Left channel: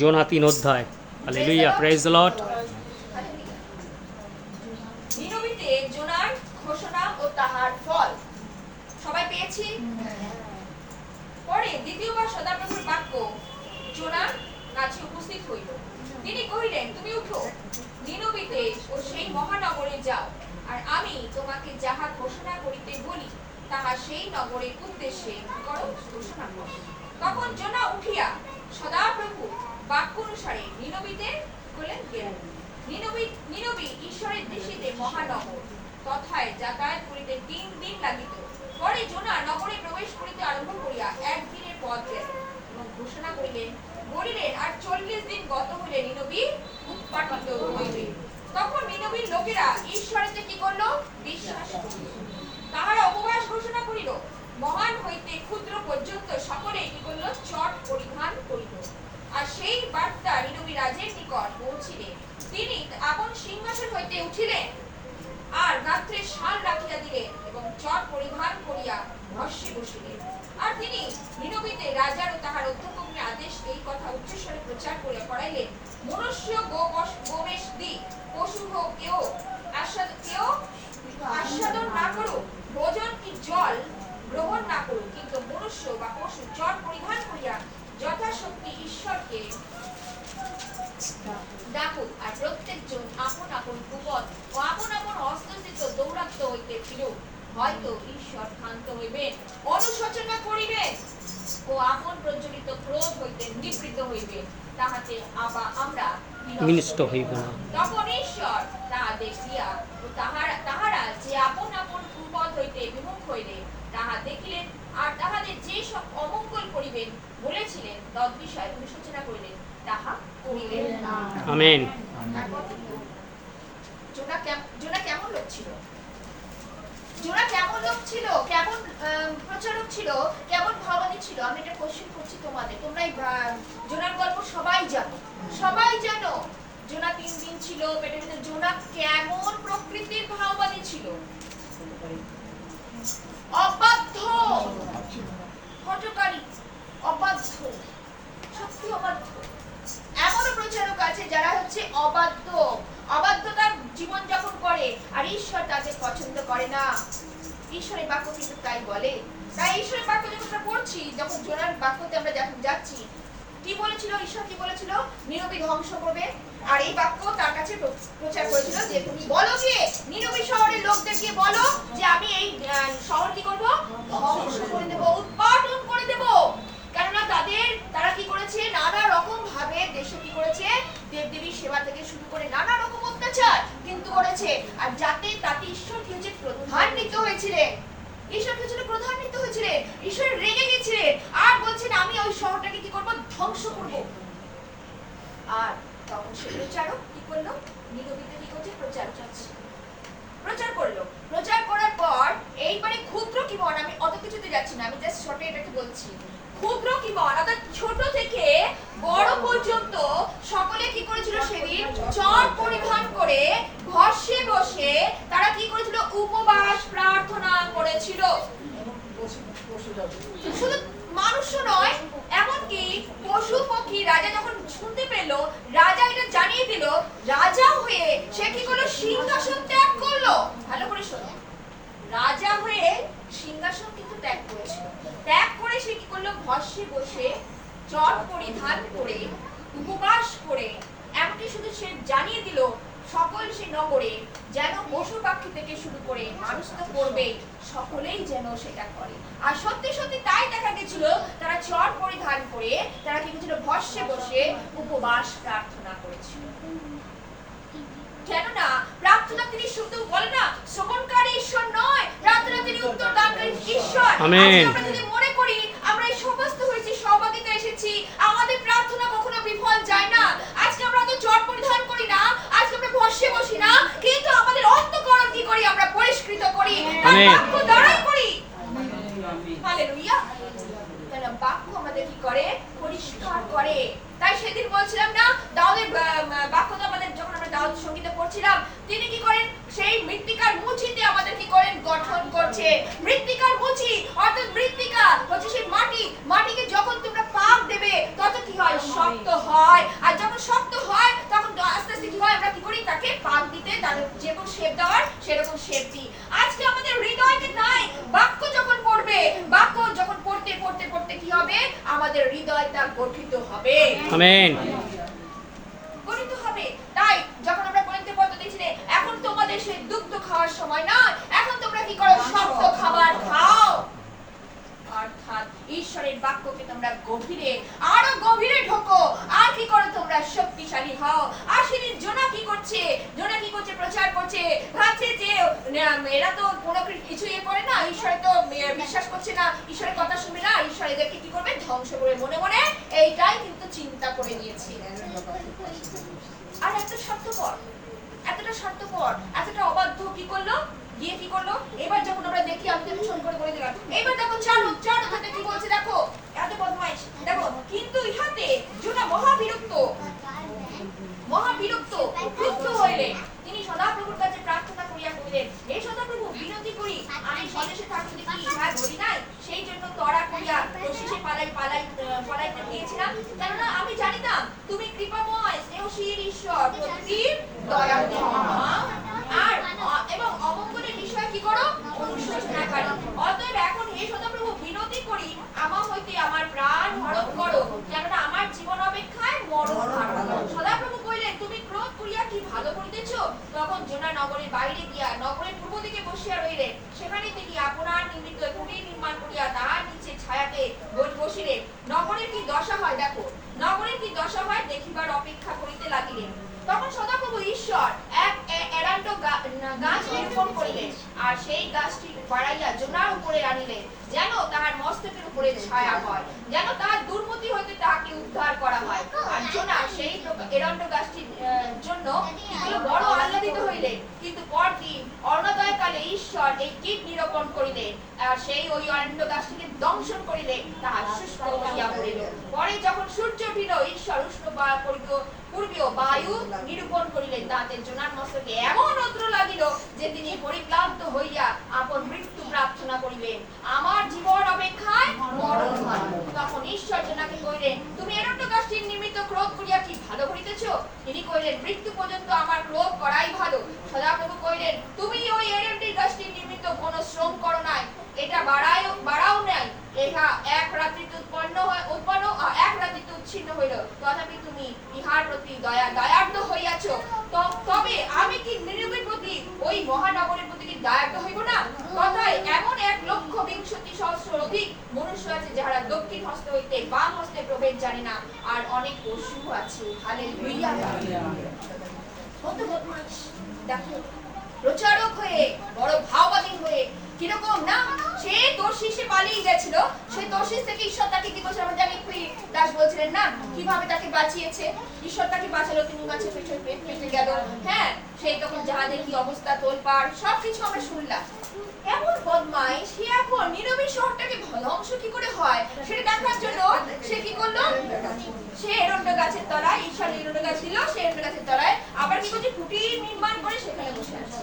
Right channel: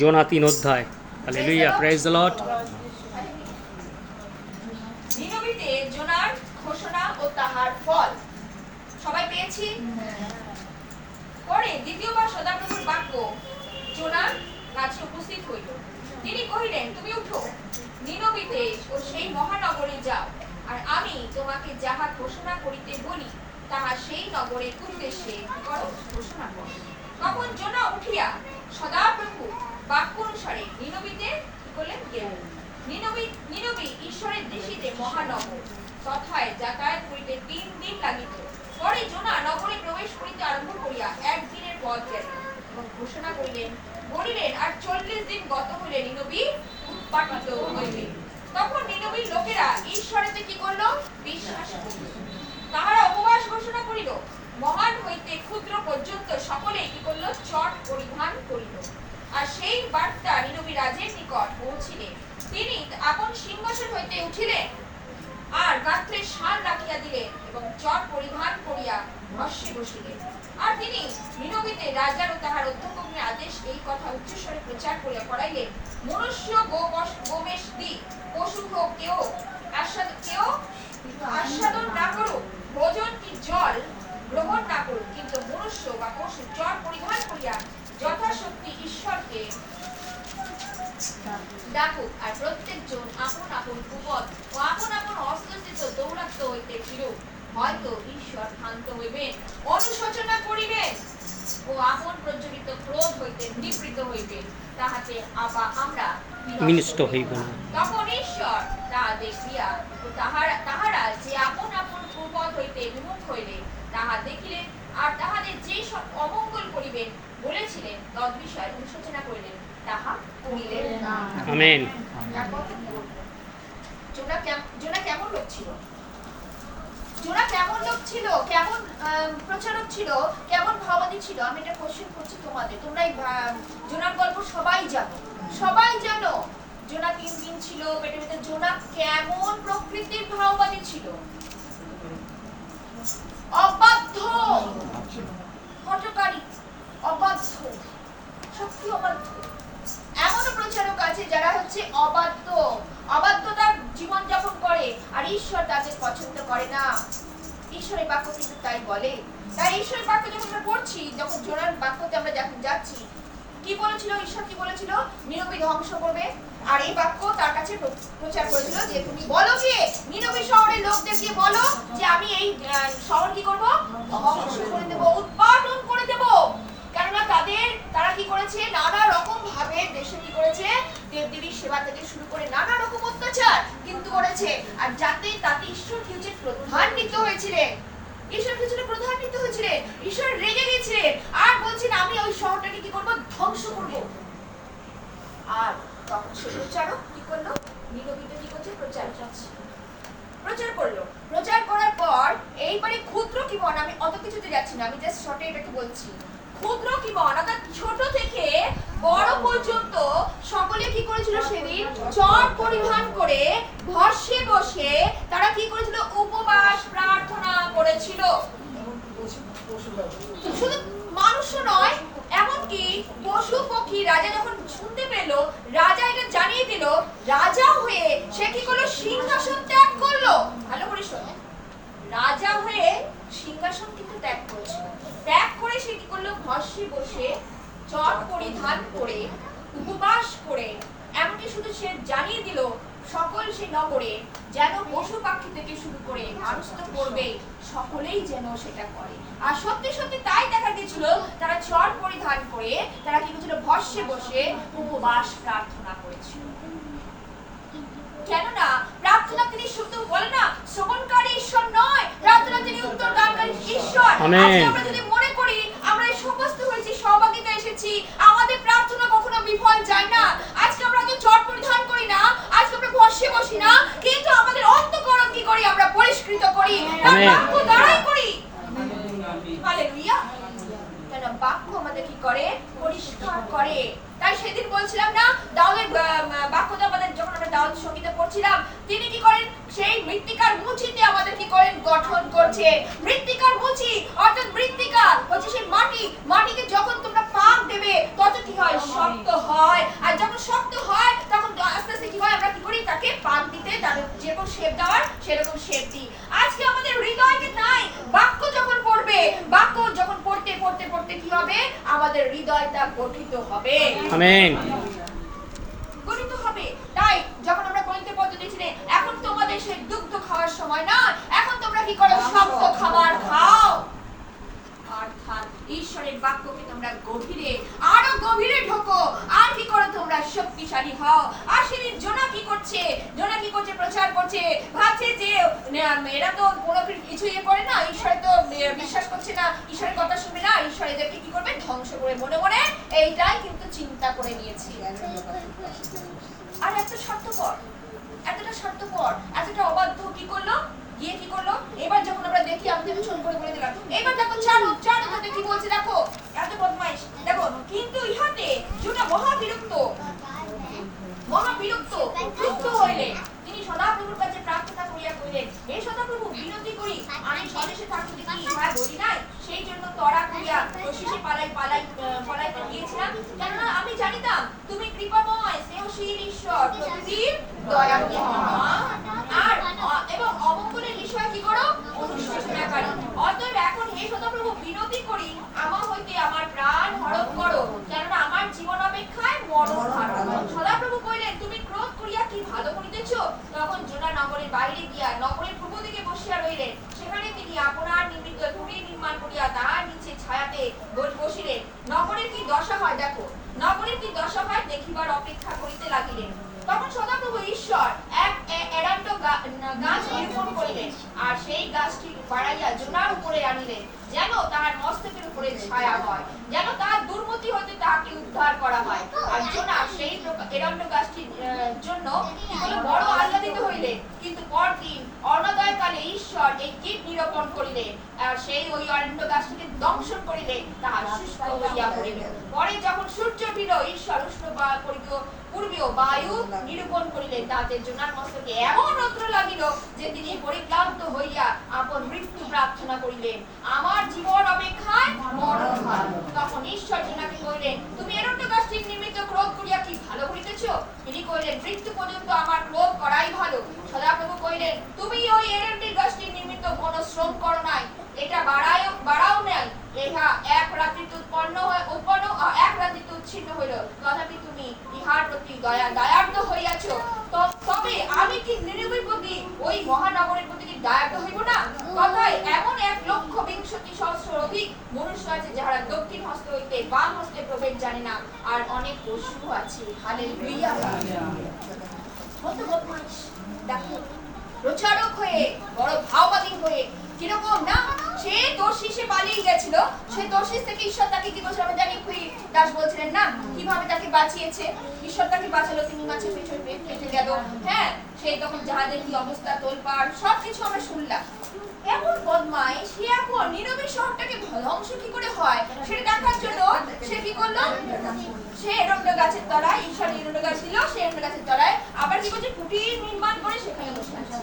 জোনা তিন অধ্যায়। Hallelujah praise the Lord নিনবিতে জোনার ঘোষণা ও তাহার ফল। সবাই পেয়েছি? পরে দ্বিতীয়বার সদাপ্রভুর বাক্য, জোনার কাছে উপস্থিত হইল। তিনি কহিলেন, তুমি উঠো। নিনবিতে ও সেই মহানগরে যাও। আর আমি তোমাকে যাহা ঘোষণা করিতে বলি, তাহা সেই নগরের উদ্দেশ্যে করো ঘোষণা কর। তখন জোনা উঠিয়া সদাপ্রভু বাক্য অনুসারে নিনবিতে করলেন? গেলেন। নিনবী ঈশ্বরের দৃষ্টিতে মহানগর, তথায় যাতায়াত করিতে তিন দিন লাগিত। পরে জোনা নগরে প্রবেশ করিতে আরম্ভ করিয়া একদিনের পথ গেল এবং ঘোষণা করিলেন, বলিলেন, আর চল্লিশ দিন গত হইলে নিনবী উৎপাটিত হইবে। তখন নিনবীর লোকেরা ঈশ্বরেতে কি করল? বিশ্বাস তাহারা উপবাস ঘোষণা করিল মহান হইতে ক্ষুদ্র পর্যন্ত সকলে কি করল চট পরিধান করিল। আর সেই বার্তা নিনবী রাজের নিকট পৌঁছিলে। তিনি আপন সিংহাসন হইতে উঠিলেন আর গাত্রে শাল রাখিয়া দিলেন এবং চট পরিধান করিয়া ভস্যে বসিলেন। আর তিনি নিনবিতে রাজার ও তাহার অধ্যক্ষকে আদেশ এই কথা উচ্চস্বরে প্রচার করিয়া করাইলেন মনুষ্য গো গোমেশ দি পশু হোক কেউ, আস্বাদ, কেউ আস্বাদন না করুক, ভোজন কি জল গ্রহণ না করুক কিন্তু মনুষ্য বা পশু চট পরিধান করিয়া যথাশক্তি ঈশ্বরকে ডাকুক আর প্রত্যেকজন আপন আপন কুপথ ও আপন আপন দৌরাত্ম হইতে ফিরুক হয়তো ঈশ্বর ক্ষান্ত হইবেন অনুশোচনা করিবেন ও আপন প্রজ্বলিত ক্রোধ হইতে নিবৃত হইবেন তাহাতে আবা আমরা বিনষ্ট হইব না। তখন ঈশ্বর তাহা দেখিয়া ও তাহারা তাহারা যে আপন আপন কুপথ হইতে বিমুখ হইলে তাহা দেখিলেন আর তাহাদের যে সব অমঙ্গল করিবেন বলেছিলেন তদ্বিষয় অনুশোচনা করিলেন তাহা করিলেন না। আমেন। জোনা কেম- জোনা কেমন লোক ছিল? জোনা কেমন লোক ছিল? কেমন প্রচারক ছিল? কেমন ভাবাদী ছিল? আমি একটা কোশ্চেন করছি তোমাদের। তোমরা জোনার গল্প সবাই জানো। সবাই জানো জোনা তিন দিন ছিল পেটের ভিতরে জোনা কেমন প্রকৃতির ভাওবাদী ছিল। অবাধ্য। হটকারী অবাধ্য। সত্যি অবাধ্য। এমনও প্রচারক আছে যারা হচ্ছে অবাধ্য। অবাধ্যতার জীবন যাপন করে, আর ঈশ্বর তাদের পছন্দ করে না। ঈশ্বরের বাক্য কিন্তু তাই বলে। তাই ঈশ্বরের বাক্য যখন আমরা পড়ছি, যখন জোনার বাক্যতে আমরা যখন যাচ্ছি, কি বলেছিল? ঈশ্বর কি বলেছিল? নীরবী ধ্বংস করবে। আর এই বাক্য তার কাছে প্রচার করেছিল যে তুমি বলো যে, নীরবী শহরের লোকদের গিয়ে বলো যে আমি এই শহর কি করব? ধ্বংস করে দেবো, উৎপাদন করে দেবো। কেননা তাদের, তারা কি করেছে? নানা রকম ভাবে দেশে কি করেছে? দেবদেবীর সেবা থেকে শুরু করে নানা রকম অত্যাচার কিন্তু করেছে। আর যাতে তাতে ঈশ্বর কি হচ্ছে প্রধান্বিত হয়েছিলেন। ঈশ্বর কি ছিল প্রধান্বিত হয়েছিলেন। ঈশ্বর রেগে গেছিলেন আর বলছেন, আমি ওই শহরটাকে কি করব? ধ্বংস করব। আর তখন সে প্রচারক কি করল? নীরবিতে কি করছে? প্রচার করছে। প্রচার করল। প্রচার করার পর এইবারে ক্ষুদ্র কি বন? আমি অত কিছুতে যাচ্ছি না, আমি জাস্ট শর্টে এটাকে বলছি। ক্ষুদ্র কি বন? অর্থাৎ ছোট থেকে বড় পর্যন্ত সকলে কি করেছিল সেদিন? চট পরিধান করে ঘষে বসে তারা কি করেছিল? উপবাস, প্রার্থনা করেছিল। শুধু মানুষও নয়, এমনকি পশু পক্ষী রাজা যখন শুনতে পেল রাজা এটা জানিয়ে দিল রাজা হয়ে সে কি করল সিংহাসন ত্যাগ করল। ভালো করে শোনো। রাজা হয়ে সিংহাসন কিন্তু ত্যাগ করেছিল। ত্যাগ করে সে কি করল? ঘষে বসে চট পরিধান করে, উপবাস করে, এমনকি শুধু সে জানিয়ে দিল, সকল সে নগরে যেন পশু পাখি থেকে শুরু করে মানুষ তো করবে, সকলেই যেন সেটা করে। আর সত্যি সত্যি তাই দেখা গেছিল, তারা চট পরিধান করে, তারা কি করছিল? ভস্যে বসে উপবাস প্রার্থনা করেছিল। কেননা প্রার্থনা তিনি শুধু বলে না শ্রবণকারী ঈশ্বর নয়। প্রার্থনা তিনি উত্তর দানকারী ঈশ্বর। আমেন। আমরা যদি মনে করি আমরা এই সমস্ত হয়েছি সহভাগিতা এসেছি। আমাদের প্রার্থনা কখনো বিফল যায় না। আজকে আমরা তো চট পরিধান করি না আজকে আমরা ভস্যে বসি না কিন্তু আমাদের অন্তকরণ কি করি? আমরা পরিষ্কৃত করি। বাক্য দ্বারাই করি। হালেলুয়া। কেন বাক্য আমাদের কি করে? পরিষ্কার করে। সেদিন বলছিলাম না দাউদের বাক্যতা আমাদের যখন আমরা দাউদ সঙ্গীতে পড়ছিলাম তিনি কি করেন? সেই মৃত্তিকার মুচিতে আমাদের কি করেন? গঠন করছে। মৃত্তিকার মুচি অর্থাৎ মৃত্তিকা হচ্ছে সেই মাটি। মাটিকে যখন তোমরা পাক দেবে তত কি হয়? শক্ত হয়। আর যখন শক্ত হয় তখন আস্তে আস্তে কি হয়? আমরা কি করি? তাকে পাক দিতে তাদের যেরকম শেপ দেওয়ার সেরকম শেপ দিই। আমাদের হৃদয়টা গঠিত হবে। আমেন। গঠিত হবে। তাই যখন আমরা গণিতে পদ্ধতি ছিলে এখন তোমাদের সেই দুগ্ধ খাওয়ার সময় না এখন তোমরা কি করো? শক্ত খাবার খাও। অর্থাৎ ঈশ্বরের বাক্যকে তোমরা গভীরে আরও গভীরে ঢোকো। আর কি করো তোমরা? শক্তিশালী হও। আশিরির জোনা কি করছে? জোনা কি করছে? প্রচার করছে। ভাবছে যে এরা তো কোনো কিছু ইয়ে করে না। ঈশ্বরে তো বিশ্বাস করছে না। ঈশ্বরের কথা শুনবে না। ঈশ্বর এদেরকে কি করবে? ধ্বংস করে মনে মনে এইটাই কিন্তু চিন্তা করে নিয়েছে আর এত স্বার্থপর। এতটা স্বার্থপর। এতটা অবাধ্য কি করল? গিয়ে কি করল? এবার যখন আমরা দেখি, আমি তো ছোট করে বলে দিলাম। এবার দেখো, চারু চারু হাতে কি বলছে দেখো? এত বদমাইশ। দেখো, কিন্তু ইহাতে জুনা মহা ক্রুদ্ধ হইলে তিনি সদাপ্রভুর কাছে প্রার্থনা করিয়া কহিলেন, হে সদাপ্রভু, বিনতি করি। আমি স্বদেশে কি ইহা বলি নাই? সেই জন্য তড়া করিয়া শেষে পালাই পালাই পলাইতে কেননা আমি জানিতাম, তুমি কৃপাময়, স্নেহশীল ঈশ্বর, প্রকৃতির দয়াময় আর এবং অমঙ্গলের বিষয় কি করো? অনুশোচনাকারী। অতএব এখন হে সদাপ্রভু, বিনতি করি আমার হইতে আমার প্রাণ হরণ করো কেননা আমার জীবন অপেক্ষায় মরণ ভালো সদাপ্রভু কইলেন তুমি ক্রোধ করিয়া কি ভালো করিতেছ তখন জোনা নগরের বাইরে গিয়া নগরের পূর্ব দিকে বসিয়া রইলেন সেখানে তিনি আপনার নিমিত্ত কুটির নির্মাণ করিয়া তাহার নিচে ছায়াতে বসিলেন। নগরের কি দশা হয়, দেখো। নগরের কি দশা হয় দেখিবার অপেক্ষা করিতে লাগিলেন। তখন সদাপ্রভু ঈশ্বর এক এরান্ড গাছ নিরূপণ করিলেন আর সেই গাছটি বাড়াইয়া জোনার উপরে আনিলেন, যেন তাহার মস্তকের উপরে ছায়া হয়, যেন তাহার দুর্মতি হইতে তাহাকে উদ্ধার করা হয় আর জোনা সেই প্রকা- এরান্ড গাছটির আহ, জন্য কি হলো? বড় আহ্লাদিত হইলেন কিন্তু পরদিন অর্ণোদয়কালে ঈশ্বর এই কীট নিরূপণ করিলে, আর সেই ওই অরণ্য গাছটিকে দংশন করিলে তাহা শুষ্ক হইয়া পড়িল। পরে যখন সূর্য উঠিল, ঈশ্বর উষ্ণ বা- পূর্বীয় বায়ু নিরূপণ করিলেন তাতে জোনার মস্তকে। এমন রৌদ্র লাগিল যে তিনি পরিক্লান্ত হইয়া আপন মৃত্যু প্রার্থনা করিলেন। আমার জীবন অপেক্ষায় মরণ ভালো তখন ঈশ্বর জোনাকে কইলেন তুমি এরণ্য গাছটির নিমিত্ত ক্রোধ করিয়া কি ভালো করিতেছ? তিনি কইলেন মৃত্যু পর্যন্ত আমার ক্রোধ করাই ভালো। সদাপ্রভু কইলেন তুমি ওই এরণ্য গাছটির নিমিত্ত কোনো শ্রম করো নাই। এটা বাড়াও বাড়াও নাই। ইহা এক রাত্রিতে উৎপন্ন হয় উৎপন্ন আ, এক রাত্রিতে উচ্ছিন্ন হইল। তথাপি তুমি ইহার প্রতি দয়া দয়ার্দ হইয়াছ। তবে আমি কি নিরুপের প্রতি ওই মহানগরের প্রতি কি দয়ার্দ হইব না? তথায় এমন এক লক্ষ বিংশতি সহস্র অধিক মনুষ্য আছে যাহারা দক্ষিণ হস্ত হইতে বাম হস্তে প্রভেদ জানে না। আর অনেক পশু আছে। কত বদমাইশ দেখো প্রচারক হয়ে বড় ভাওবাদী হয়ে কীরকম না সে দোষী সে পালিয়ে গেছিল, সে দোষী থেকে ঈশ্বর তাকে কি করেছিল আমরা জানি কুই দাস বলছিলেন, না, কীভাবে তাকে বাঁচিয়েছে? ঈশ্বর তাকে বাঁচালো তিনি মাছের পেছনে পেট গেল। হ্যাঁ সেই তখন জাহাজের কি অবস্থা, তোলপাড়, সবকিছু আমরা শুনলাম। এমন বদমাই সে এখন নীরবী শহরটাকে ধ্বংস কি করে হয়, সেটা দেখার জন্য সে কি করল? সে এরন্ড গাছের তলায় ঈশ্বর এরন্ড গাছ ছিল, সে এরন্ড গাছের তলায় আবার কি করছে কুটির নির্মাণ করে সেখানে বসে আছে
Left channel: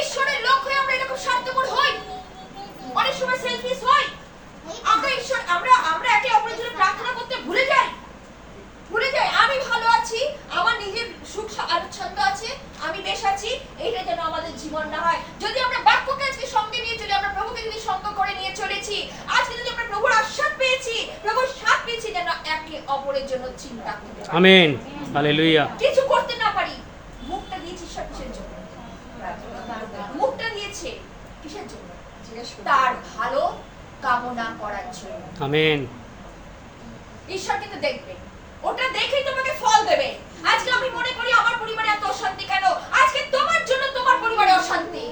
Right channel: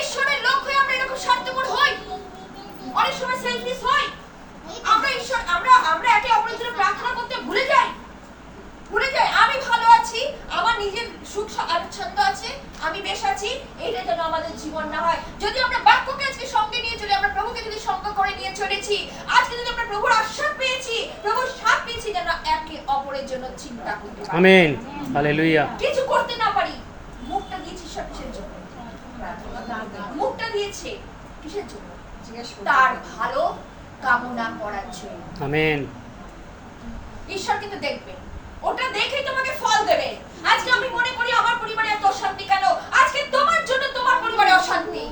ঈশ্বরের লোক হয়ে আমরা এরকম স্বার্থপর হই অনেক সময় সেলফিশ হই আমরা ঈশ্বর আমরা আমরা একে অপরের জন্য প্রার্থনা করতে ভুলে যাই ভুলে যাই আমি ভালো আছি আমার নিজের সুখ স- আচ্ছন্দ আছে আমি বেশ আছি এইটা যেন আমাদের জীবন না হয় যদি আমরা বাক্যকে আজকে সঙ্গে নিয়ে চলি আমরা প্রভুকে যদি সঙ্গ করে নিয়ে চলেছি আজকে যদি আমরা প্রভুর আশ্বাস পেয়েছি প্রভুর সাথ পেয়েছি যেন একে অপরের জন্য চিন্তা করতে পারি আমেন হালেলুয়া কিছু করতে না পারি মুখটা দিয়েছি ঈশ্বর কিসের জন্য মুখটা দিয়েছে কিসের জন্য তার ভালো কামনা করার জন্য আমেন ঈশ্বর কিন্তু দেখবে ওটা দেখেই তোমাকে ফল দেবে আজকে আমি মনে করি আমার পরিবারে এত অশান্তি কেন আজকে তোমার জন্য তোমার পরিবারে অশান্তি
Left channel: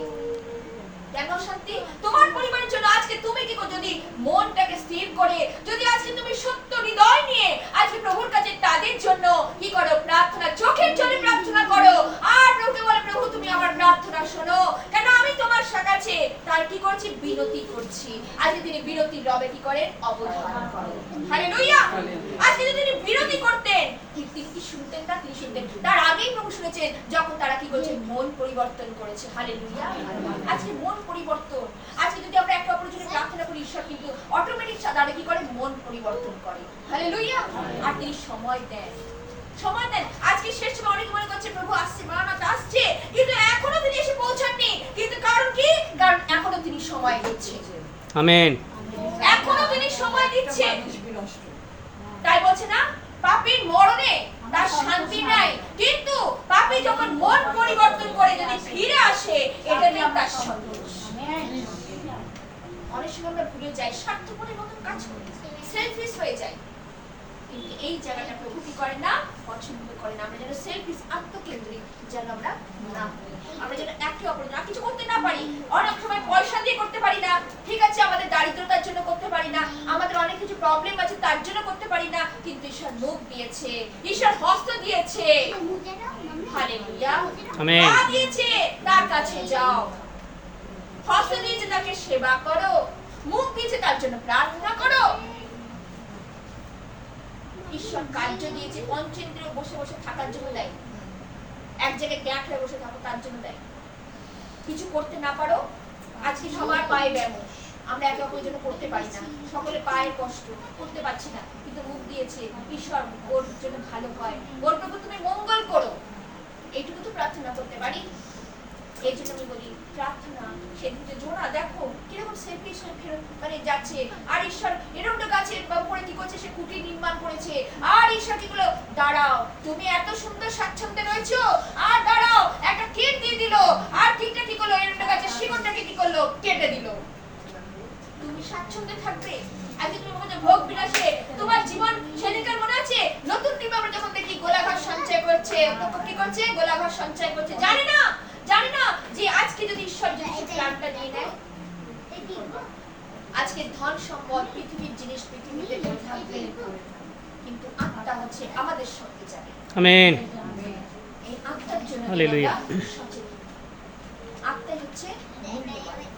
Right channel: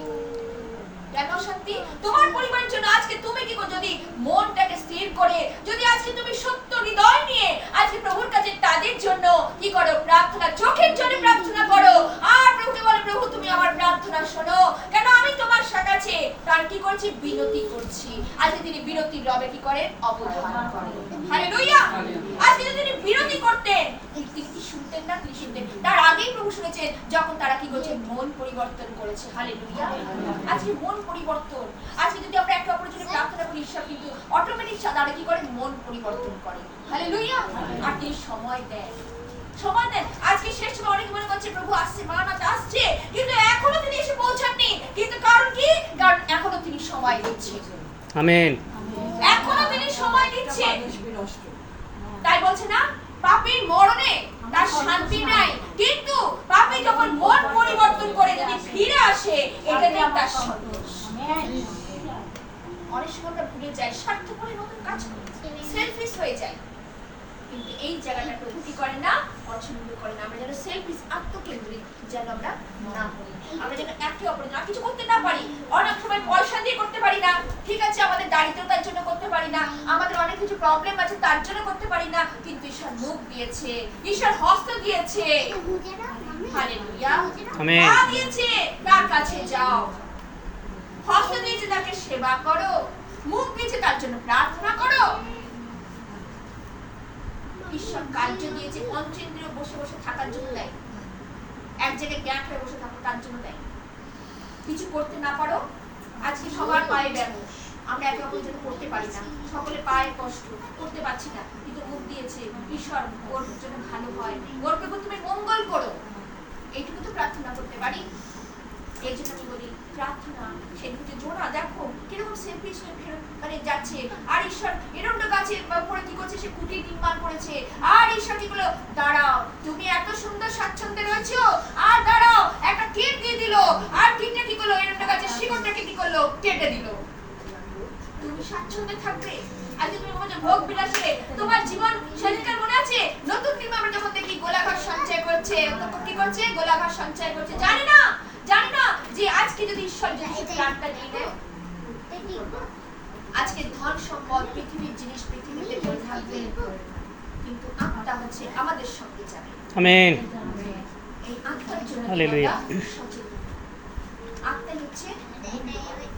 কেন অশান্তি তোমার পরিবারের জন্য আজকে তুমি কি করো যদি মনটাকে স্থির করে যদি আজকে তুমি সত্য হৃদয় নিয়ে আজকে প্রভুর কাছে তাদের জন্য কি করো প্রার্থনা চোখের জন্য প্রার্থনা করো আর প্রভুকে বলো প্রভু তুমি আমার প্রার্থনা শোনো কেন আমি তোমার কাছে তার কি করছি বিনতি করছি আজকে তিনি বিরতি রবে কি করেন অবধান করেন হালেলুয়া আজকে যদি তিনি বিরতি করতেন তিনি তিনি কি শুনতেন না তিনি শুনতেন তার আগেই প্রভু শুনেছেন যখন তারা কি করছে মন পরিবর্তন করেছে। হালেলুয়া আজকে মন পরিবর্তন। আজকে যদি আমরা একে অপরের জন্য প্রার্থনা করি ঈশ্বর কিন্তু অটোমেটিক তারা কি করে? মন পরিবর্তন করে। হালেলুয়া আর তিনি সময় দেন। সময় দেন। আজকে শেষ সময় অনেকে মনে করছে প্রভু আসছে মানাত আসছে। কিন্তু এখনও তিনি এসে পৌঁছাননি। কিন্তু কারণ কি? কারণ এখনও তিনি সময় দিচ্ছে আমেন। এখনও তিনি সময় দিচ্ছে তাই বলছে না পাপীর মরণে তার শান্তি নাই। কিন্তু পাপী যখন মন পরিবর্তন করে যদি ফিরে আসে, এটাতেই তার অনেক সময় আমরা ভুলে যাই স্বার্থপরের মতন কাজ করি সেলফিশ হয়ে যায় কিন্তু এই জায়গাটা প্রভু কি করে না পছন্দ করে না। আমরা যেন সেলফিশ আত্মকেন্দ্রিক যেন আমরা না করি আমরা যেন একে অপরের না কিছু করতে না পারি। অনেক সময় পয়সা দিয়ে করতে পারি না। ঠিক আছে আমাদের দারিদ্রতার জন্য করতে পারি না। আমাদের অনেক কিছু প্রবলেম আছে তার জন্য করতে পারি না। কিন্তু ঈশ্বর মুখ দিয়েছে। ঈশ্বর হস্ত দিয়েছে। হালেলুয়া পা দিয়েছে তার কাছে যাও। হস্ত দিয়েছে তাকে সেবা করো। মুখ দিয়েছে তার জন্য প্রার্থনা করো। ঈশ্বর কার্য দিয়েছে পঞ্চেন্দ্রিয় বসে বসে থাকার জন্য দেয়। এক জায়গায় গ্যাপ হয়ে বসে থাকো, তার জন্য দেয়। কিছু করতে না পারো, আজকে সবার পায়ে ব্যায়াম। আমরা একে অপরের জন্য করতে পারি না। সকলে পায়ে কষ্ট, করতে পারছি না, কিন্তু মুখ দিয়েছে, ঈশ্বর ওর জন্য ভালো হয়। ওর প্রভু তুমি মঙ্গল করো। এইটুকু তো প্রার্থনা করতে পারি। এই জন্য আমি বলি প্রার্থনা সেদিন জোনা, দেখো, কীরকম সেলফিশ হয়ে ফেরত মানে যাচ্ছে। আর ঈশ্বর এরকম গাছের উপরে কি করছে? সে কুটি নির্মাণ করেছে। আর ঈশ্বর কি করল? দাঁড়াও, তুমি এত সুন্দর স্বাচ্ছন্দ্যে রয়েছো। আর দাঁড়াও, একটা কিট দিয়ে দিল। আর কিটটা কি করল? এরকম গাছের শিকড়টাকে কি করল? কেটে দিল। তুমি স্বাচ্ছন্দ্যে থাকবে? আজকে তুমি বলছো ভোগ বিলাসে তোমার জীবন সেদিনকার মনে আছে? নতুন টিম আমরা যখন দেখি গোলাঘাট সঞ্চয় করছে, তখন কি করছে? গোলাঘাট সঞ্চয় করছে। জানি না। জানি না যে আজকে যদি ঈশ্বর যদি সে প্রাণটা নিয়ে নেয় আজকে ধন সম্পদ পৃথিবীর জিনিস পৃথিবীতে পড়ে থাকবে কিন্তু আত্মা হচ্ছে আমাদের সঙ্গে যাবে আমেন এই আত্মার জন্য হালেলুয়া। আত্মা হচ্ছে হালেলুয়া।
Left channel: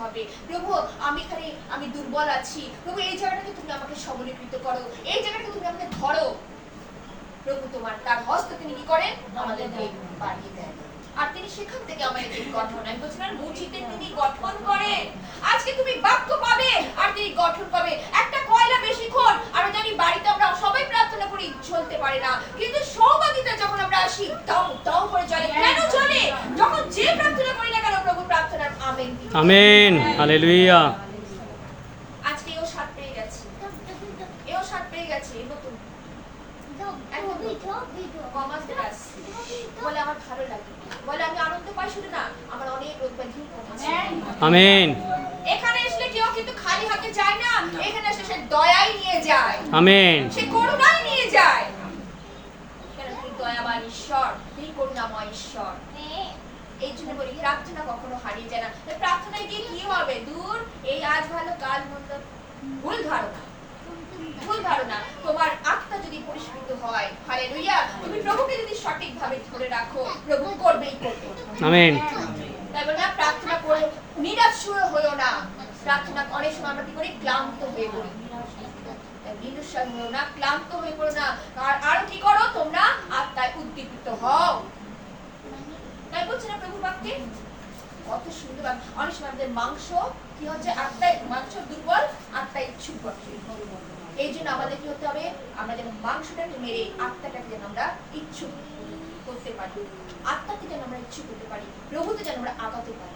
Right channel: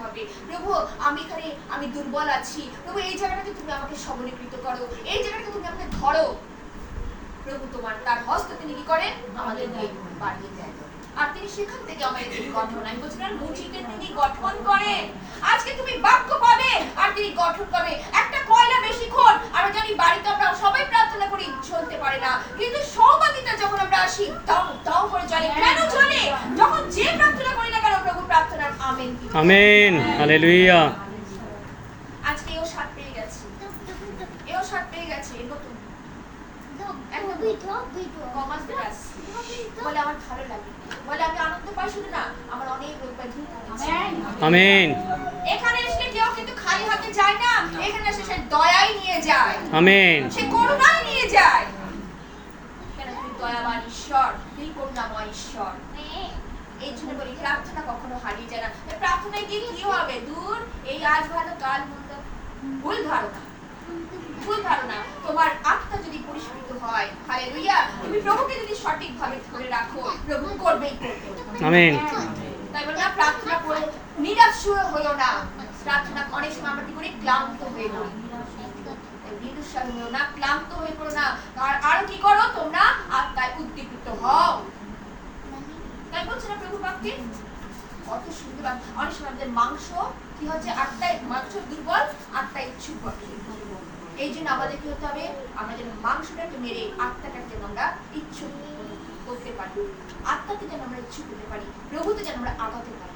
হবে। প্রভু আমি এখানে আমি দুর্বল আছি। প্রভু এই জায়গাটাকে তুমি আমাকে সবলীকৃত করো। এই জায়গাটাকে তুমি আমাকে ধরো। প্রভু তোমার তার হস্ত তিনি কি করেন? আমাদেরকে বাড়িয়ে দেন। আর তিনি সেখান থেকে আমাদের গঠন আমি বলছিলাম মুচিতে তিনি গঠন করেন আজকে তুমি বাক্য পাবে আর তিনি গঠন করবে। একটা কয়লা বেশিক্ষণ আমরা জানি বাড়িতে আমরা সবাই প্রার্থনা করি চলতে পারে না। কিন্তু সহভাগিতা যখন আমরা আসি দাও দাও করে চলে কেন চলে যখন যে প্রার্থনা করি না কেন আমেন। হালেলুয়া। আজকে এও সাত পেয়ে গেছে। এও সাত পেয়ে গেছে নতুন। কমার্স ক্লাস বলে আমার ভালো লাগে। বলে আমি আনন্দ পাই শুধু না আমার অনেক রোগ ব্যাধি আমেন। এখানে এসে কেউ কিন্তু খালি হাতে যায় না এখানে এসে সে দয়াই নিয়ে যায়। আমেন। সে করুণাই নিয়ে যায়। কেন তিনি দয়াবান ঈশ্বর? তিনি করুণাময় ঈশ্বর। এই জন্য বলি প্রার্থনা কখনো হারিয়ে যায় না। প্রার্থনায় গিয়ে কি হবে? দূর এই আজ ভালো কাল মন্দ। ভুল ধারণা। ভুল ধারণা। তোমার আত্মা যদি হয় হালেলুয়া তুমি প্রভুকে যদি সঠিকভাবে ধরে রাখো প্রভু করবেই করবে। আমেন। তাই বলে না প্রার্থনা করে নিরাশ হয়েও না। প্রার্থনা অনেক সময় আমরা কি করি? ক্লান্ত হয়ে পড়ি। নিরুৎসাহী হয়েও না ক্লান্ত হয়ে পড়ো না। আর আরও কি করো? তোমরা আত্মায় উদ্দীপিত হও। না প্রভু কত সুন্দর। অনেক সময় আমাদের মাংস, কি হচ্ছে? আত্মায় মাংস দুর্বল আত্মায় ইচ্ছুক। এই জন্য আমাদের কি হতে হবে? আমরা যেন মাংসটাকে মেরে আমরা ইচ্ছুক করতে পারি। আত্মাকে যেন আমরা ইচ্ছুক করতে পারি। প্রভুতে যেন আমরা আগাতে পারি।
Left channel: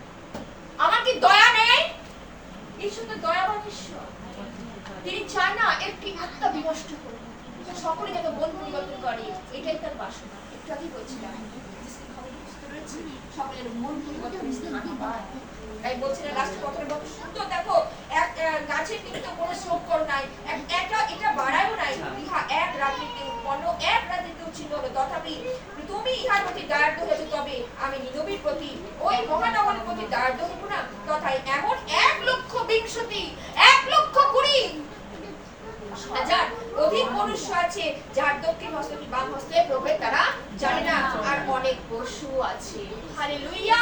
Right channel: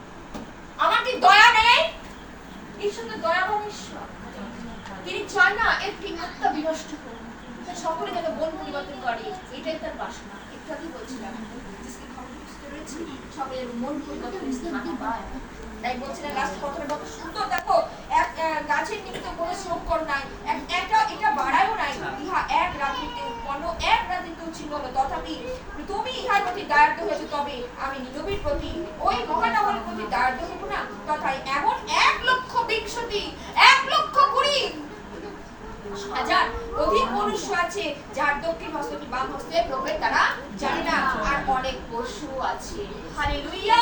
আমার কি দয়া নেই? ঈশ্বর তো দয়াবান ঈশ্বর তিনি চান না কি আত্মা বিনষ্ট তা সকলে যেন মন পরিবর্তন করে এটাই তার বাসনা। একটু আগে বলছিলাম সকলের মন পরিবর্তন ইস্তেমাকে পায় তাই বলছিলেন লাস্ট কথাটা কত সুন্দর দেখো এক গাছের নিমিত্ত কোনো শ্রম করো নাই এটা এটা বাড়ায়ও নাই। ইহা এক রাত্রিতে উৎপন্ন এক রাত্রিতে উচ্ছিন্ন হলো। তথাপি তুমি ইহার প্রতি দায়িত্ব হয়েছে তবে আমি নিরবির প্রতি ওই মহানগরের প্রতি দায়িত্ব না তথায় এমন এক লক্ষ বিংশতি এক লক্ষ কুড়ি হাজার অধিক মনুষ্য আছে যার দক্ষিণ হস্ত কি বাম তারা জানে না। আর অনেক পশু আছে। হালেলুয়া!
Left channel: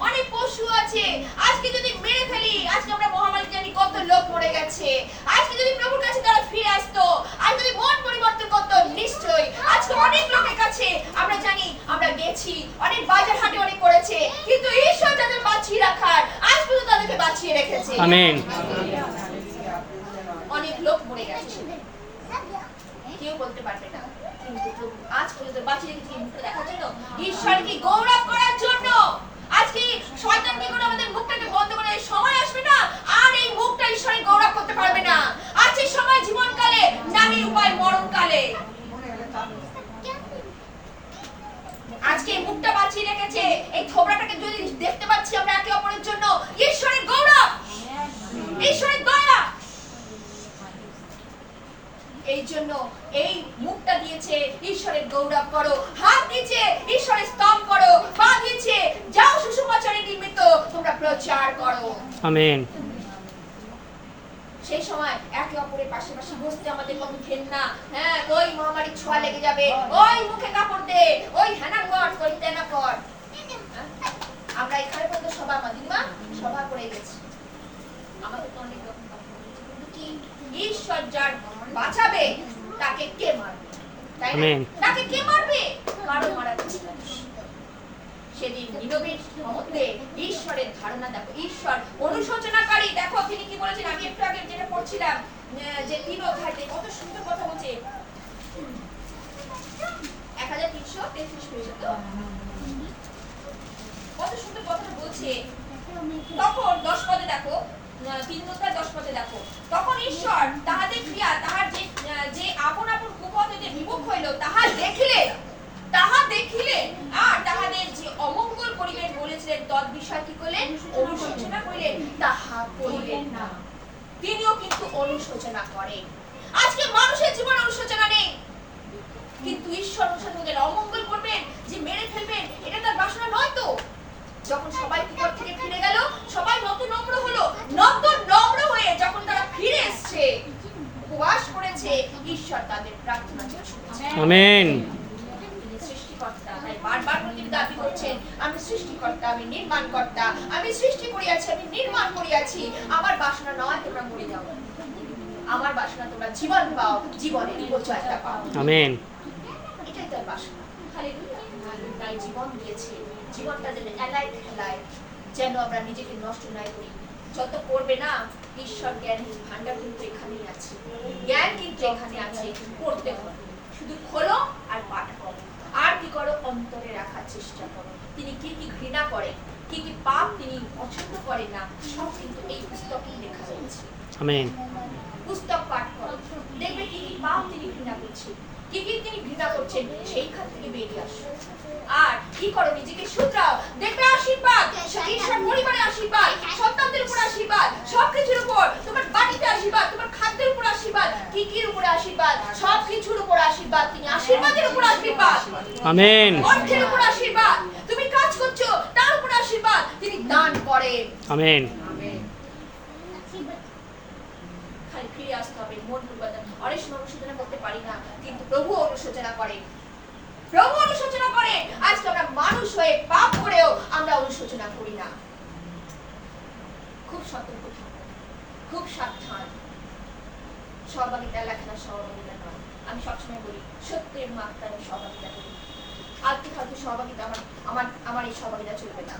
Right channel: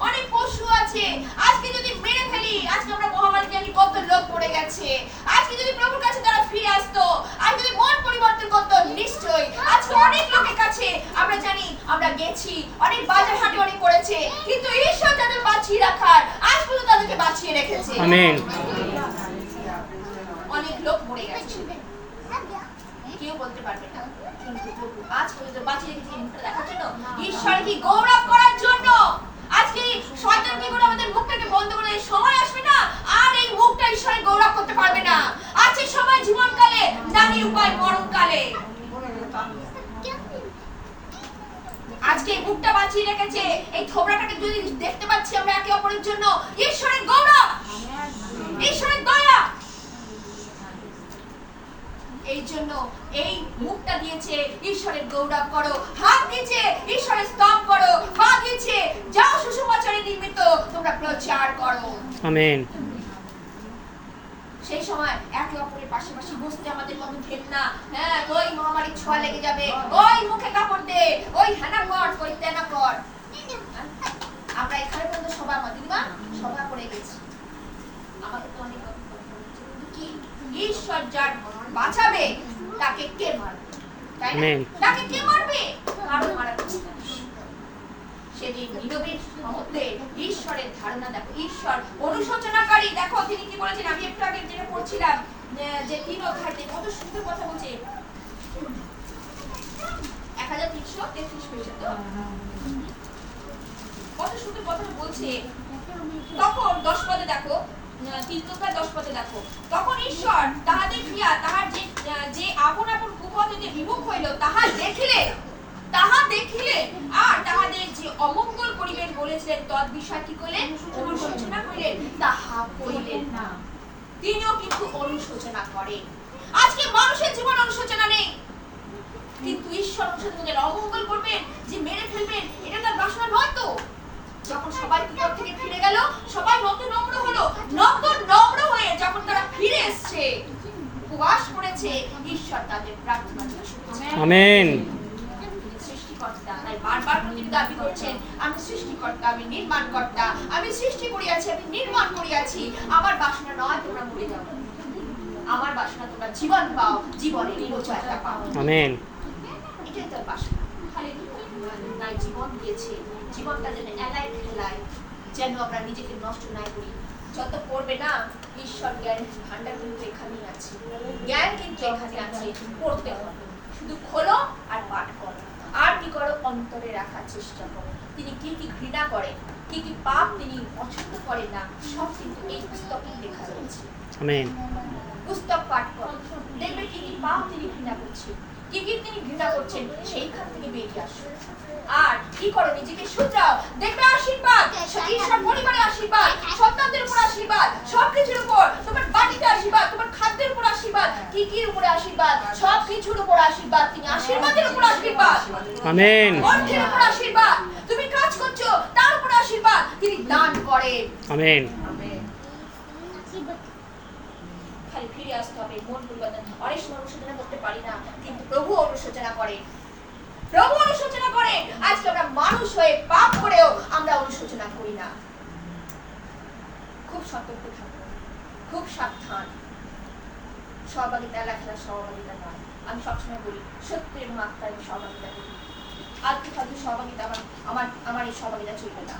অনেক পশু আছে। আজকে যদি মেরে ফেলি আজকে আমরা মহামারী জানি কত লোক মরে গেছে। আজকে যদি প্রভুর কাছে তারা ফিরে আসতো আর যদি মন পরিবর্তন করতো নিশ্চয়ই আজকে অনেক লোকের কাছে আমরা জানি আমরা গেছি। অনেক বাজার হাটে অনেক করেছে কিন্তু ঈশ্বর তাদের বাঁচিয়ে রাখার আজ পর্যন্ত তাদেরকে বাঁচিয়ে রেখেছে। আমেন। অনেক লোক মরে গেছে। কেউ বলতে পারবে না। কিন্তু প্রভু আজ পর্যন্ত বাঁচিয়ে রেখেছে মুখটা দেখার জন্য ঈশ্বর গৌরব করার জন্য আজকে শয়তান কি করে আমাদের মুখটাকে বন্ধ করে সময় আসবে না। আর এই মুখটা ঈশ্বরের গৌরব করতে পারবে না। আছে সময় জীবনকালে নারী উপায় মরণকালে। আজকে মুখটা বাঁচিয়ে রেখেছে এই থোবড়াটাকে যদি দেখতে পাচ্ছি আমরা একে অপরের জন্য ঈশ্বরের গৌরব! ঈশ্বরের দয়া! এই জন্য এই মুখটা দিয়েছে ঈশ্বরের গৌরব করো। হাত দিয়েছে ঈশ্বরের স্তব করো। পা দিয়েছে যাও সুসমাচারের নিমিত্ত তোমরা প্রচার করো। আমেন। সেই সময় একে অপরের পাশাপাশি বসতে আমাদের কত ঘেন্না হ্যাঁ ওই মহামারীর ছোঁয়া লেগে যাবে। ওই মুখে কাপড় দে ওই হেনা কর ওই তেনা কর? আমরা এখানে পর্যন্ত সভা আমার দিদিমা সভা করে গেছি। আমাদের তো অনেক রকম কথা বলেছে। কিন্তু কি? ঈশ্বর যার বাঁচাবে? তাকে কে মারবে? তাই না? তাকে কে মারবে? কারও মারা সেদিন নীরবের মধ্যে ঈশ্বরের ধারণা দেখো। ঈশ্বর অনুশোচনাকারী। দেখো তিনি কি বলেছেন? আমি একটু আগে যেটা পড়ছিলাম যে তিন অধ্যায়তে কত সুন্দর কথা বলছে। এক হাজার তিনশো তেত্রিশ তো? কত সুন্দর কথাটা বলছে। তখন দশ পদে দেখো তিন দশ পদে দেখো। তখন ঈশ্বর তাহাদের ক্রিয়া, তাহার যে যে আপন আপন কুপথ হইতে বিমুখ হইল, তাহা দেখিলেন তাহা দেখিলেন আর তাহাদের যে অমঙ্গল করিবেন বলেছিলেন তদ বিষয় কি করলেন অনুশোচনা করিলেন। তাহা করিলেন না। তিনিও কিন্তু অনুশোচনা করেন। আজকে মানুষের জীবন অনুশোচনা নেই। কিন্তু ঈশ্বর অনুশোচনের অমঙ্গল করবেন, যে মেরে ফেলবেন, এটা তার বাসনা নয় তো? যখন সবাই বিপদ থেকে ফিরে গেল সবাই নত নম্র হলো। নত নম্র হয়ে যখন তারা ফিরে এসছে উপবাস করেছে ঈশ্বর তাদের প্রার্থনা আমেন। সৃষ্টিকর্তা তাই বারবার তিনি দাবি করছেন আমি সৃষ্টিকর্তা আমি নির্মাণকর্তা আমি সৃষ্টি করিয়াছি আমি নির্মাণ করিয়াছি। আমার বাসনা নয় তোমরা মরে যাও। আমার বাসনা তোমরা জীবন পাও জীবনের পাও। আমেন। এটাই তার বাসনা। তাই জীবন দিয়েছে। জীবনটা যেন এলাই খেলায় যেন আমরা নিজেকে নষ্ট নাই করি। যত পড়বে না ঈশ্বর জ্ঞানের ভান্ডার কিন্তু এখানেই আছে। জ্ঞান কিন্তু এখানে আছে পড়তে হবে। শুধু খোলো আর পাঠ করো। আর কি করো? অন্তরে রাখার চেষ্টা করো। তিনি কি কি ঘৃণা করেন কি কি পাপ তিনি পছন্দ করেন না সব কিন্তু এই পুস্তকেই লেখা রয়েছে। আমেন। পুস্তক পাঠ করো। দেখবে কি কি পাপ তিনি ঘৃণা করছেন। কি কি তিনি ঘৃণা করছেন সেইখান থেকে বেরিয়ে আসো আর কি করো নিজেকে শুধরাও। দেখবে আশীর্বাদ ঈশ্বর পরিবারে আশীর্বাদ সন্তানদের উপর আশীর্বাদ সবকিছুর উপর। তোমার বাড়িতে আশীর্বাদ তোমার খাদ্যের উপর আশীর্বাদ। কি কির উপরে আশীর্বাদ? সব কিছুর উপর আশীর্বাদ। তিনি আশীর্বাদের উপর আশীর্বাদ। আমেন। অর্থের উপর আশীর্বাদ। তুমি কাজ করছ তার উপর আশীর্বাদ। তিনি দান করেন আমেন। খালি ফিরে আসতে হবে মন পরিবর্তন অনেক সময় অনুশোচনা করতে পারি না কিন্তু প্রভু অনুশোচনা করে। প্রভু অনুশোচনা করে। আজকে আমরা মানুষ হয়ে পাপ করেও আমরা অনুশোচনা করি না। খুব সতর্ক খুব সাবধান। সহভাগিতা নয়। আমি সবসময় বলি আমি করি। সহভাগিতা আমার আমার আমার এই সহভাগিতা চলবে না।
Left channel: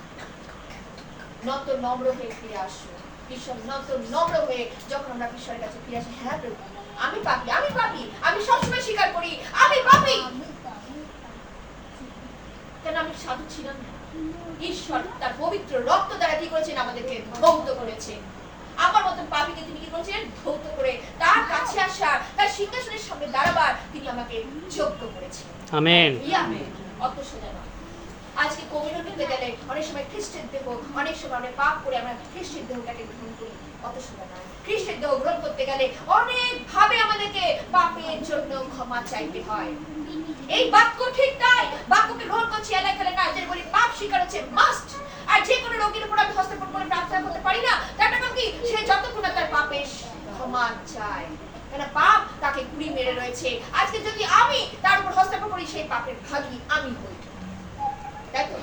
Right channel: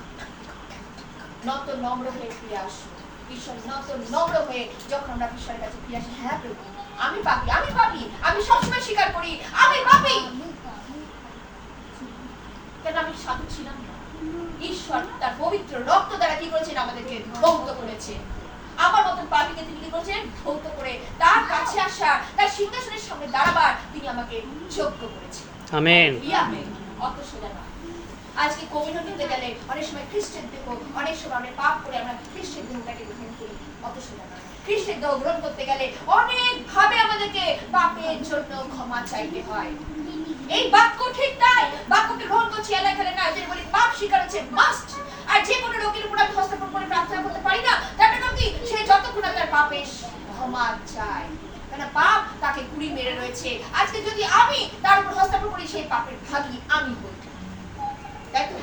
নত নম্র হয়ে ফিরে আসব ঈশ্বর নত নম্র হয়ে যখন আমরা ঈশ্বরের কাছে ফিরে আসি হ্যাঁ প্রভু, আমি পাপি আমি পাপি, আমি সবসময় স্বীকার করি, আমি পাপি। কেন আমি সাধু ছিলাম না। ঈশ্বর তার পবিত্র রক্ত দ্বারা কি করেছেন? আমাদেরকে ধৌত করেছে। আমার মতন পাপিকে তিনি কি করেছেন? ধৌত করে তার কাছে আসার তার সিংহাসনের সামনে দাঁড়াবার তিনি আমাকে যোগ্য করেছেন। আমেন। ইয়া অত সোজা নয় আজকে কোভিড হতে গেলে অনেক সময় খ্রিস্টের দেহ অনেক সময় আমরা পাপ করে আমরা খ্রিস্টের দেহটাকে গ্রহণ করি। অত সোজা নয় খ্রিস্টের দেহ গ্রহণ করতে গেলে অনেক ভাবে আমাদেরকে পাপের জন্য ক্ষমা চাইতে হয়। এই বাক্য ঠিক তাই, বাক্যকে গ্রহণ করছি এলাকা খেলে না যে বলি পাপ স্বীকার হচ্ছে মাস্ট আর যে কোনো রোগীর উপর আমি হস্তক্ষেপ করে প্রার্থনা করতে পারি না, তার মানে কি? সে যতক্ষণ তার পাপের ক্ষমা চায়। কেন পাপ তাকে কুড়ি মেরে রয়েছে। আজকে যদি আমি তার উপর হস্তক্ষেপ করি, সেই পাপের ভাগী আমি হই। তাই তো?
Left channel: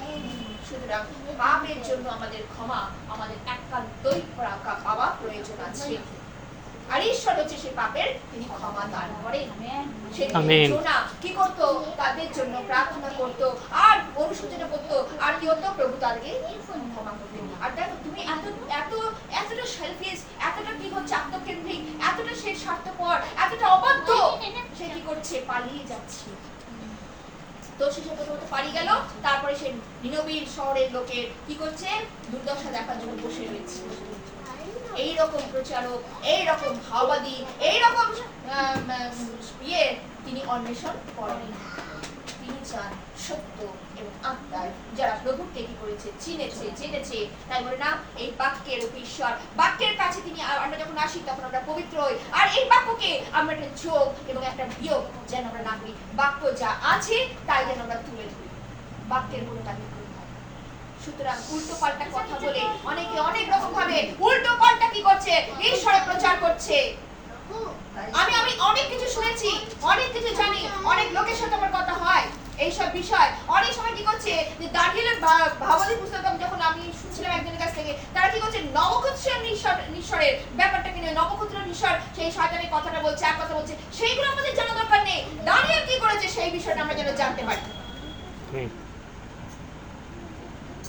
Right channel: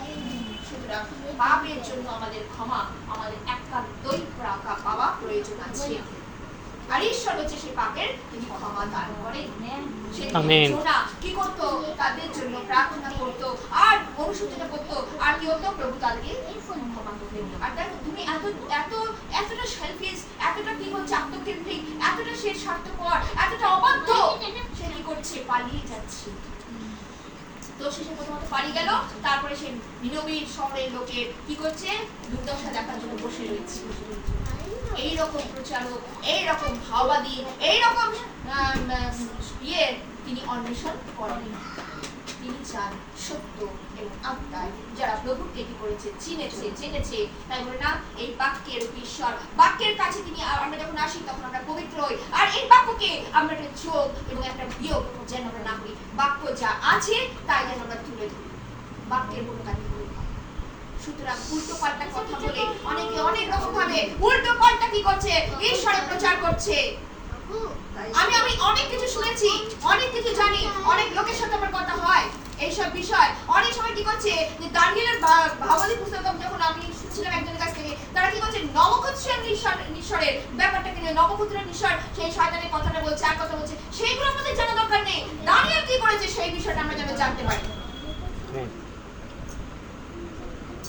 সুতরাং পাপের জন্য আমাদের ক্ষমা আমাদের একান্তই রাখা পাওয়া প্রয়োজন আছে। আর ঈশ্বর হচ্ছে সেই পাপের তিনি ক্ষমা দান করেন। সেদিন জোনা কি করতো? তাদের জন্য প্রার্থনা করতো আর অনুশোচনা করতো আর কি হতো প্রভু তাদেরকে ক্ষমা করতেন। আর দেখো তুমি এত এত এতটা সেলফিশ এতটা কি হচ্ছে আত্মকেন্দ্রিক এতটা সে স্বার্থপর এতটা অবাধ্য সে কি করছে? পালিয়ে যাচ্ছে। তো সে প্রথমত পালিয়ে গেল, তারপরে সে নিনবীর শহরের লোকের কি করছে? দুর্দশা দেখার জন্য বসে রয়েছে। এই রকম প্রচারক এই রকম ভাওবাদী এই রকম ইয়ে তিনি অন্বেষণ করেন। তিনি চান সত্য এবং আত্মায় যারা প্রভুকে কি করেছে, চিনেছে, জেনেছে। তাই বলে না, এই বাক্যের ঈশ্বর বাক্যের কাছে তিনি আমরা যখন আসি, তখন আমরা পবিত্র হই। আর এই বাক্যকে আমরা একটা যোগ এবং একটা বিয়োগ যেন আমরা না করি। বাক্য যা আছে, তাই যেন আমরা তুলে ধরি। বাক্যের মূল কাজে সুতরাং উল্টো পাল্টা কথা বলে অনেকে অনেক রকম ভাবে উল্টো পাল্টা কি করছে? ঈশ্বরের প্রচার করছে। আমি আমি অনেক কিছু শুনেছি অনেক কিছু জানি অনেক লোকের সাথে আমার কথা হয় এইসব বিষয়। অনেক সময় কি করছে যে দানিয়েলের ভা- ভাবাদি পুস্তক যখন আমি শুনছিলাম একজনের কাছ থেকে তারা কি করছে নবক্ষত্রের নিঃস্বর নিঃস্বরের ব্যাপারটাকে নিয়ে নবক্ষত্রের নিঃস্বর সেই শয়তানের কথাটা বলছে এক কথা বলছে সেইগুলো আমাদের জানা দরকার নেই। দানিয়েল কি করেছে সেই বিষয়টা আমরা যেন জানতে পারি।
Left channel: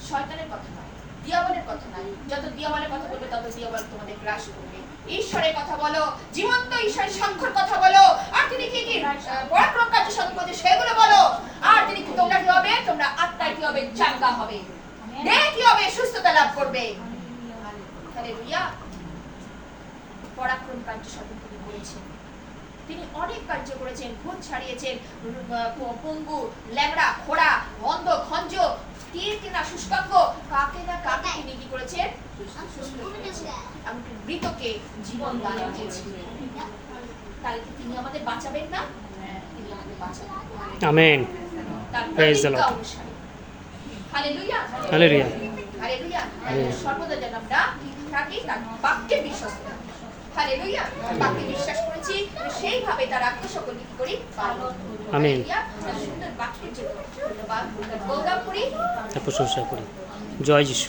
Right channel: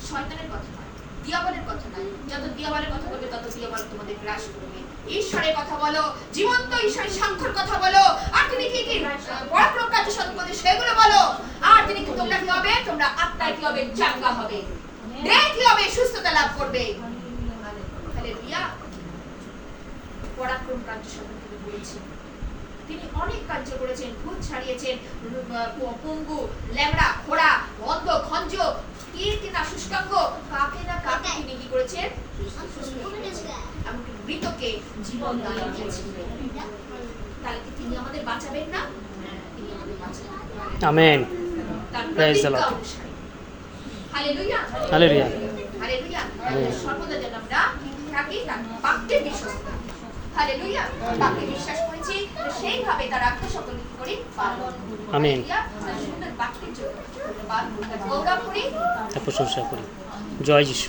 শয়তানের কথা নয় দিয়াবলের কথা নয়। যত দিয়াবলের কথা বলবে তত দিয়াবল তোমাদের গ্রাস করবে। ঈশ্বরের কথা বলো জীবন্ত ঈশ্বরের সাক্ষর কথা বলো। আর তিনি কি কি পরাক্রম কার্য সম্পদে সেগুলো বলো। আর তিনি কি তোমরা কি হবে? তোমরা আত্মায় কি হবে? চাঙ্গা হবে। দেহ কি হবে? সুস্থতা লাভ করবে। হালেলুয়া পরাক্রম কার্য সম্পদে তিনি বলেছেন তিনি অনেক কার্য করেছেন ভূত ছাড়িয়েছেন পঙ্গু ল্যাংড়া খোড়া অন্ধ খঞ্জ তীর কিনা শুষ্কাঙ্গ কাকে না কাকে তিনি কি করেছেন? এমনকি মৃতকে জীবন দান দিয়েছিলেন তাহলে কি তিনি আমাদের বাঁচাবেন না? তিনি আমাদের বাঁচাবেন। আমেন। তার Praise the প্রতিজ্ঞা অনুসারে। হালেলুয়া। হালেলুয়া। হালেলুয়া। সর্বদা যেন আমরা থাকি তার বাক্যে বিশ্বাস থাকি হালেলুয়া। বাক্যে বিশ্বাস করেছি তো সেইভাবে তার আত্মসকলকে কি করি? পালন করি। Amen. হালেলুয়া। তার সুন্দর বাক্যের জন্য ধন্যবাদ গৌরব করি। প্রশংসা করি। জয় যিশু।